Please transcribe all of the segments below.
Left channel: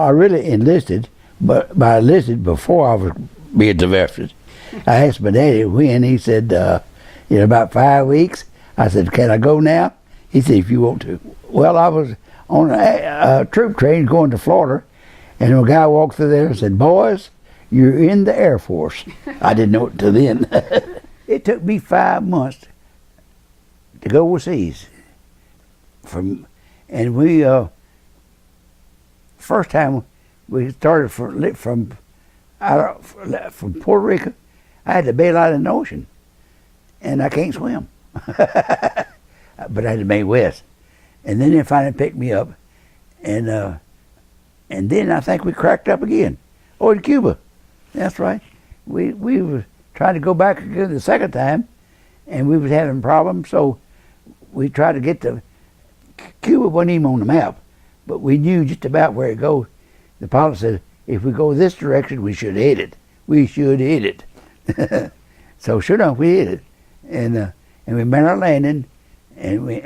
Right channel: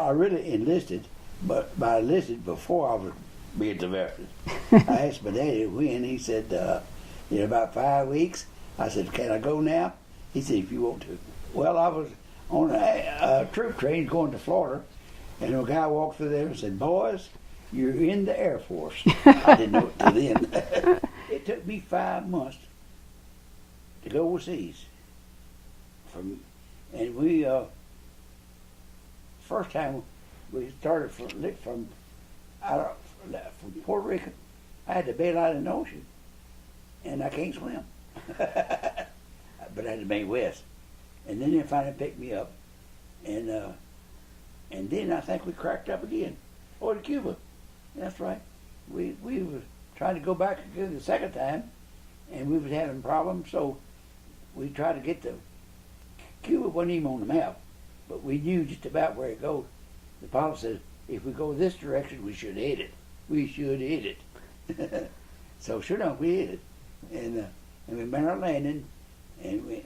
I really enlisted, but I enlisted before I was being diverted. I asked my daddy when. He said, in about 5 weeks. I said, can I go now? He said, if you want to. Well, I was on a troop train going to Florida, and a guy walked through there and said, boys, you're in the Air Force. I didn't know it till then. It took me 5 months to go overseas. And we, first time we started from Puerto Rico, I had to bail out in the ocean, and I can't swim. But I had to make west, and then they finally picked me up, and then I think we cracked up again. Oh, in Cuba, that's right. We were trying to go back again the second time, and we was having problems. So we tried to get to Cuba. Wasn't even on the map, but we knew just about where it goes. The pilot said, if we go this direction, we should hit it. We should hit it. So sure enough, we hit it, and we made our landing, and we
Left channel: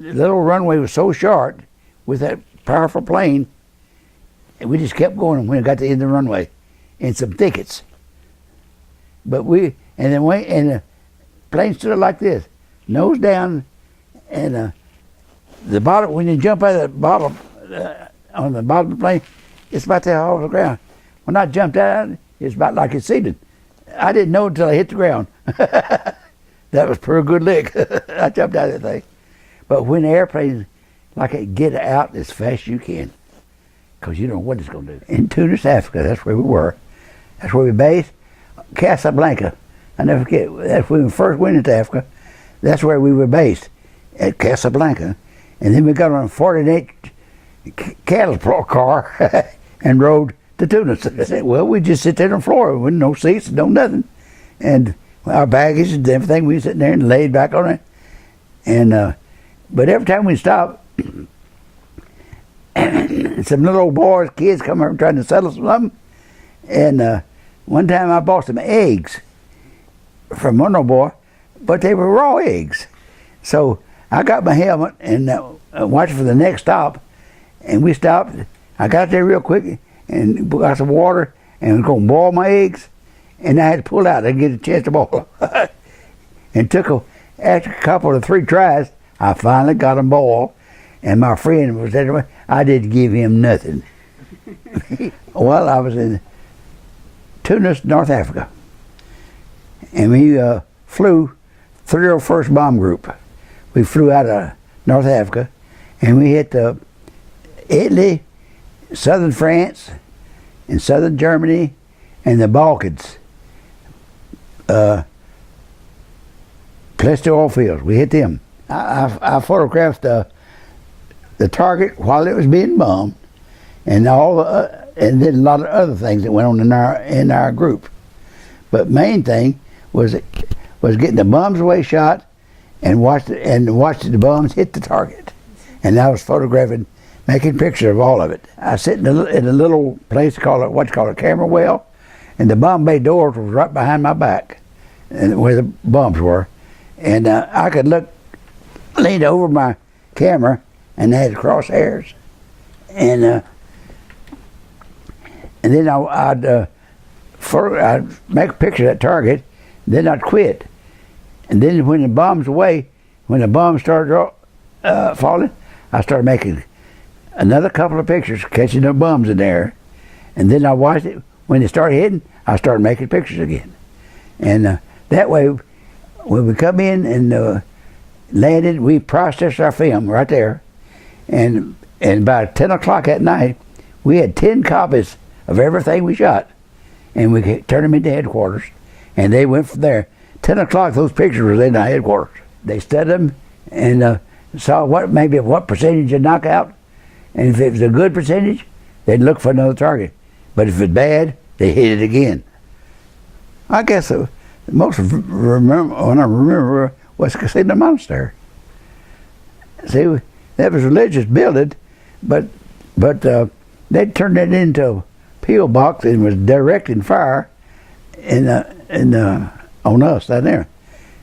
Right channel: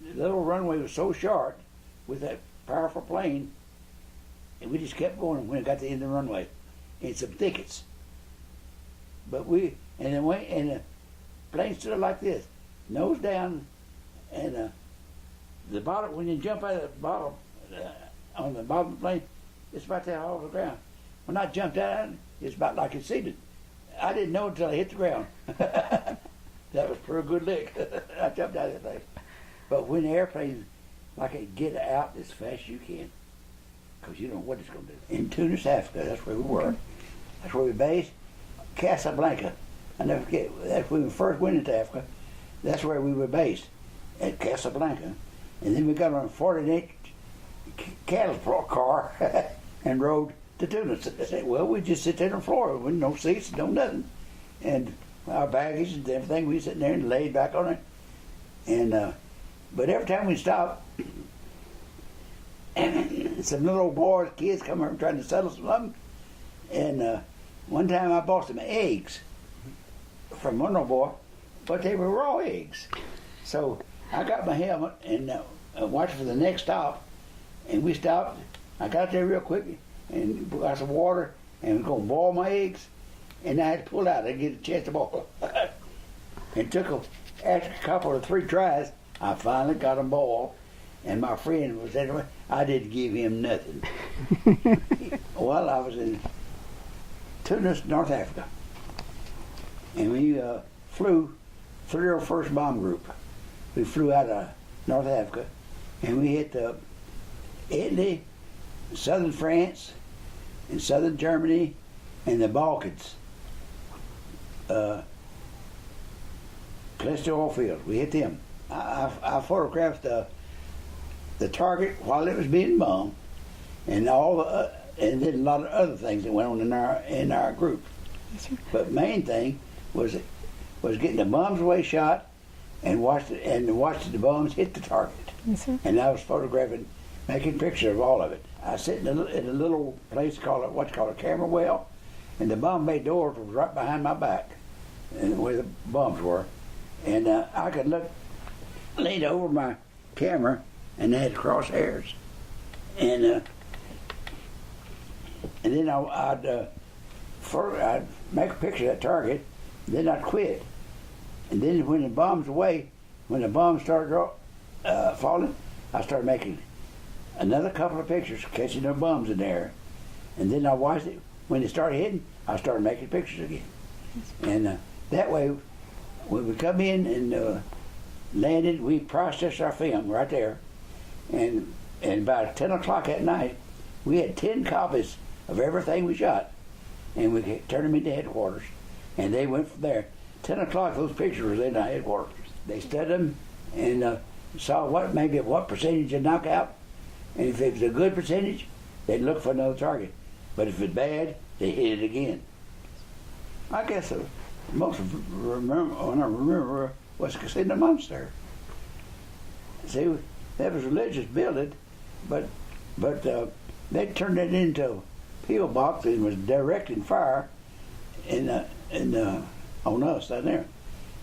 the little runway was so short with that powerful plane, and we just kept going when we got to the end of the runway in some thickets. But and the plane stood like this, nose down, and the bottom, when you jump out of the bottom, on the bottom of the plane, it's about that off the ground. When I jumped out, it's about like it's seated. I didn't know until I hit the ground. That was pretty good lick. I jumped out of that thing. But when the airplane, like it get out as fast as you can, because you don't know what it's going to do. In Tunis, Africa, that's where we were. That's where we based. Casablanca. I never forget, that's when we first went into Africa. That's where we were based, at Casablanca. And then we got on a 48 cattle car and rode to Tunis. I said, well, we just sit there on the floor with no seats, no nothing. And our baggage and everything, we sitting there and laid back on it. And but every time we stopped, some little old boys, kids come over trying to settle something. And one time I bought some eggs from one little boy, but they were raw eggs. So I got my helmet and watched for the next stop, and we stopped. I got there real quick and got some water and was going to boil my eggs, and I had to pull out. I didn't get a chance to boil them. And after a couple of 3 tries, I finally got them boiled, and my friend was there. I didn't give him nothing. Well, I was in Tunis, North Africa, and we flew 301st Bomb Group. We flew out of North Africa, and we hit Italy, southern France, and southern Germany, and the Balkans. Place the oil fields. We hit them. I photographed the target while it was being bombed, and and then a lot of other things that went on in our group. But main thing was getting the bombs away shot, and watch the bombs hit the target. And I was photographing, making pictures of all of it. I sit in a little place called what's called a camera well, and the bomb bay doors was right behind my back, and where the bombs were, and I could lean over my camera, and they had crosshairs, and then I'd make a picture of that target, then I'd quit, and then when the bombs started falling, I started making another couple of pictures, catching the bombs in there, and then I watched it. When they started hitting, I started making pictures again, and that way, when we come in and landed, we processed our film right there, and about 10 o'clock at night, we had 10 copies of everything we shot, and we turned them into headquarters, and they went from there. 10 o'clock, those pictures were in our headquarters. They studied them and saw what percentage to knock out, and if it was a good percentage, they'd look for another target. But if it's bad, they hit it again. I guess the most when I remember was Casino Monastery. See, that was a religious building, but they turned it into a peel box and was directing fire on us down there.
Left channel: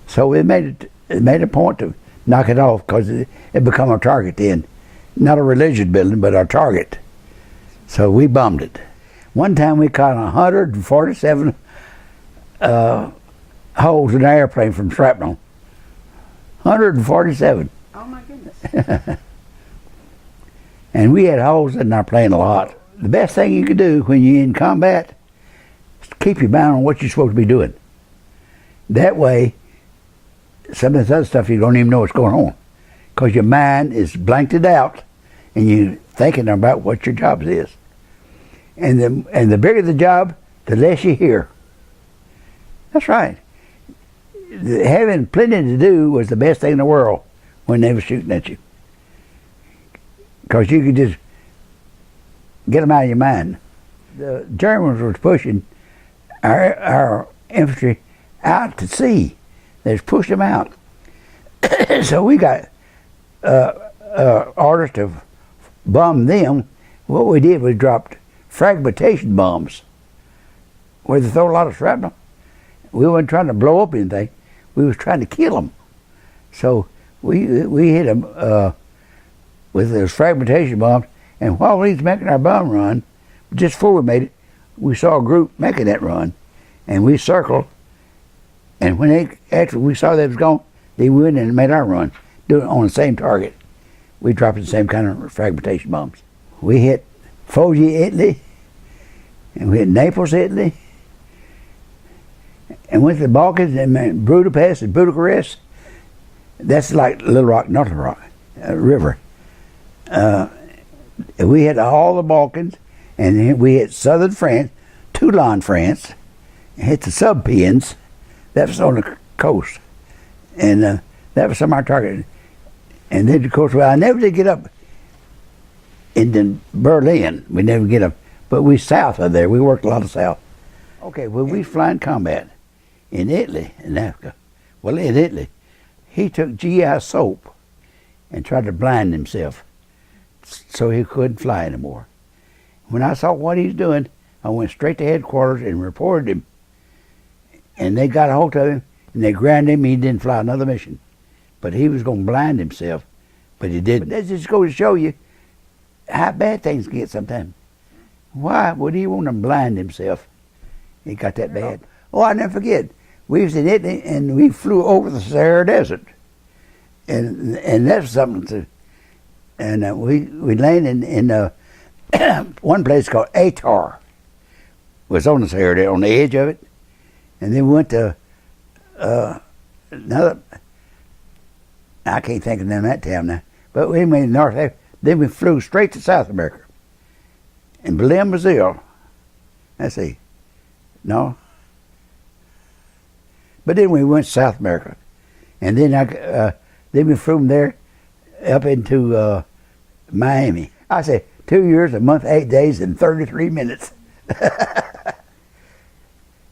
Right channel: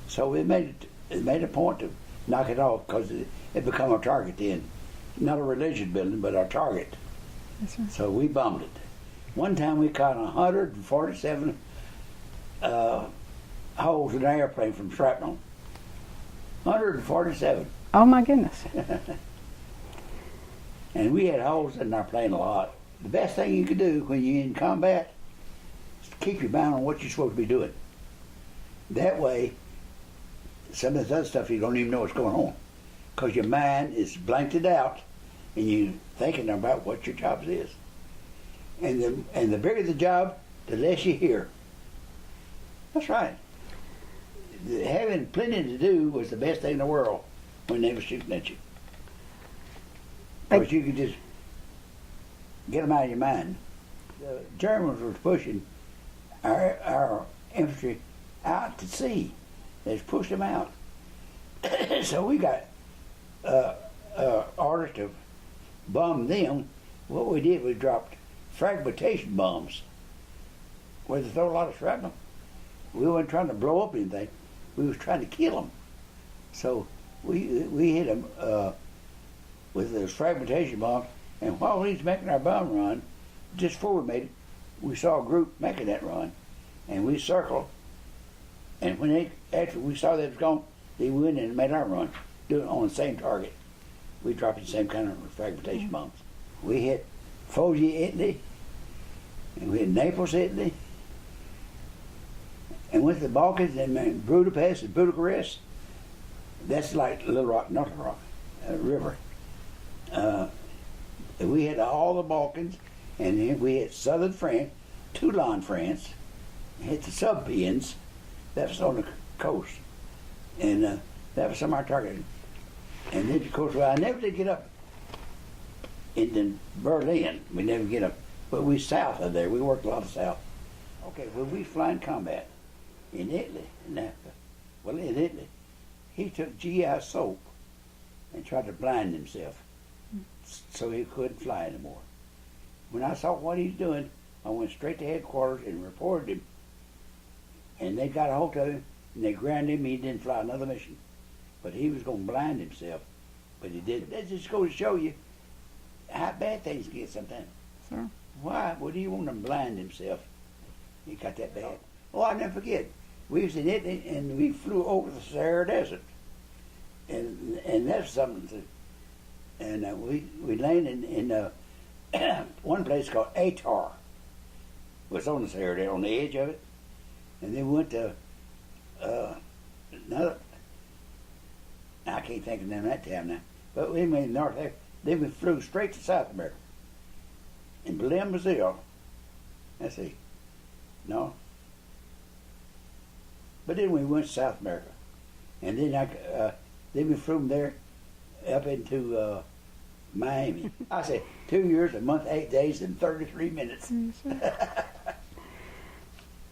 So it made a point to knock it off because it become a target then. not a religious building, but our target. So we bombed it. One time we caught 147 holes in an airplane from shrapnel. 147. Oh my goodness. And we had holes in our plane a lot. The best thing you could do when you're in combat is to keep your mind on what you're supposed to be doing. That way, some of this other stuff you don't even know what's going on, because your mind is blanked it out and you're thinking about what your job is. And the bigger the job, the less you hear. That's right. Having plenty to do was the best thing in the world when they were shooting at you, because you could just get them out of your mind. The Germans were pushing our infantry out to sea. They just pushed them out. So we got orders to bomb them. What we did was dropped fragmentation bombs where they throw a lot of shrapnel. We weren't trying to blow up anything. We was trying to kill them. So we hit them with those fragmentation bombs. And while we was making our bomb run, just before we made it, we saw a group making that run, and we circled. And when after we saw they was gone, they went and made our run, doing it on the same target. We dropped the same kind of fragmentation bombs. We hit Foggia, Italy, and we hit Naples, Italy, and went to the Balkans and Budapest and Bucharest. That's like Little Rock, not Little Rock, river. We hit all the Balkans, and then we hit southern France, Toulon, France, and hit the Subpians. That was on the coast, and that was some of our target. And then, of course, well, I never did get up into Berlin. We never get up, but we south of there. We worked a lot of south. Okay, well, we flying combat in Italy, in Africa. Well, in Italy, he took GI soap and tried to blind himself so he couldn't fly anymore. When I saw what he's doing, I went straight to headquarters and reported him. And they got a hold of him, and they grounded him. He didn't fly another mission. But he was going to blind himself, but he didn't. That just goes to show you how bad things get sometimes. Sure. Why would he want to blind himself? It got that bad. Oh, I'll never forget. We was in Italy, and we flew over the Sahara Desert. And that's something to... And we landed in one place called Atar. It was on the Sahara Desert, on the edge of it. And then we went to another... I can't think of the name of that town now. But we went North Africa. Then we flew straight to South America. In Belém, Brazil. Let's see. No. But then we went to South America. And then then we flew from there up into Miami. I said 2 years, a month, 8 days, and 33 minutes.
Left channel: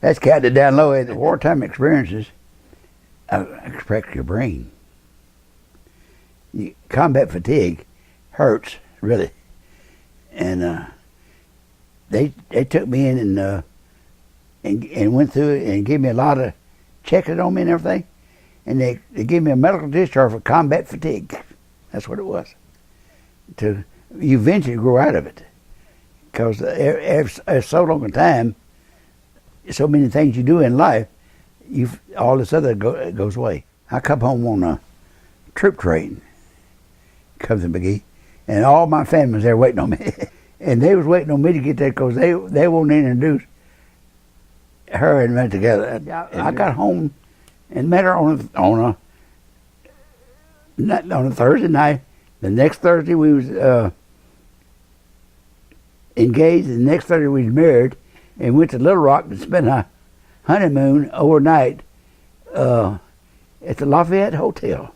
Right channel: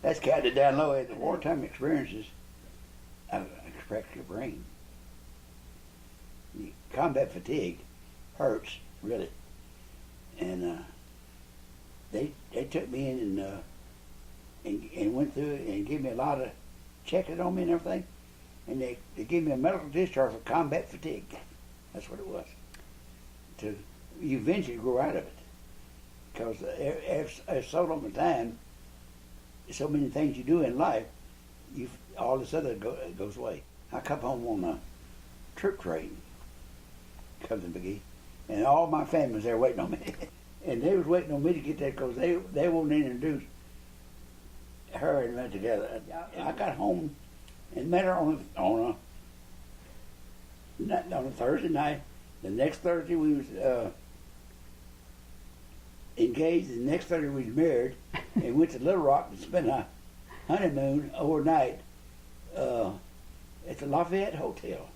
That's counted down low. The wartime experiences affect your brain. Combat fatigue hurts, really. And they took me in and went through it and gave me a lot of checking on me and everything. And they gave me a medical discharge for combat fatigue. That's what it was. You eventually grow out of it. Because after so long a time, so many things you do in life, all this other goes away. I come home on a troop train, comes in McGee, and all my family was there waiting on me. And they was waiting on me to get there because they wanted to introduce her and me together. I got home and met her on a Thursday night. The next Thursday we was engaged, and the next Thursday we was married, and went to Little Rock to spend a honeymoon overnight at the Lafayette Hotel.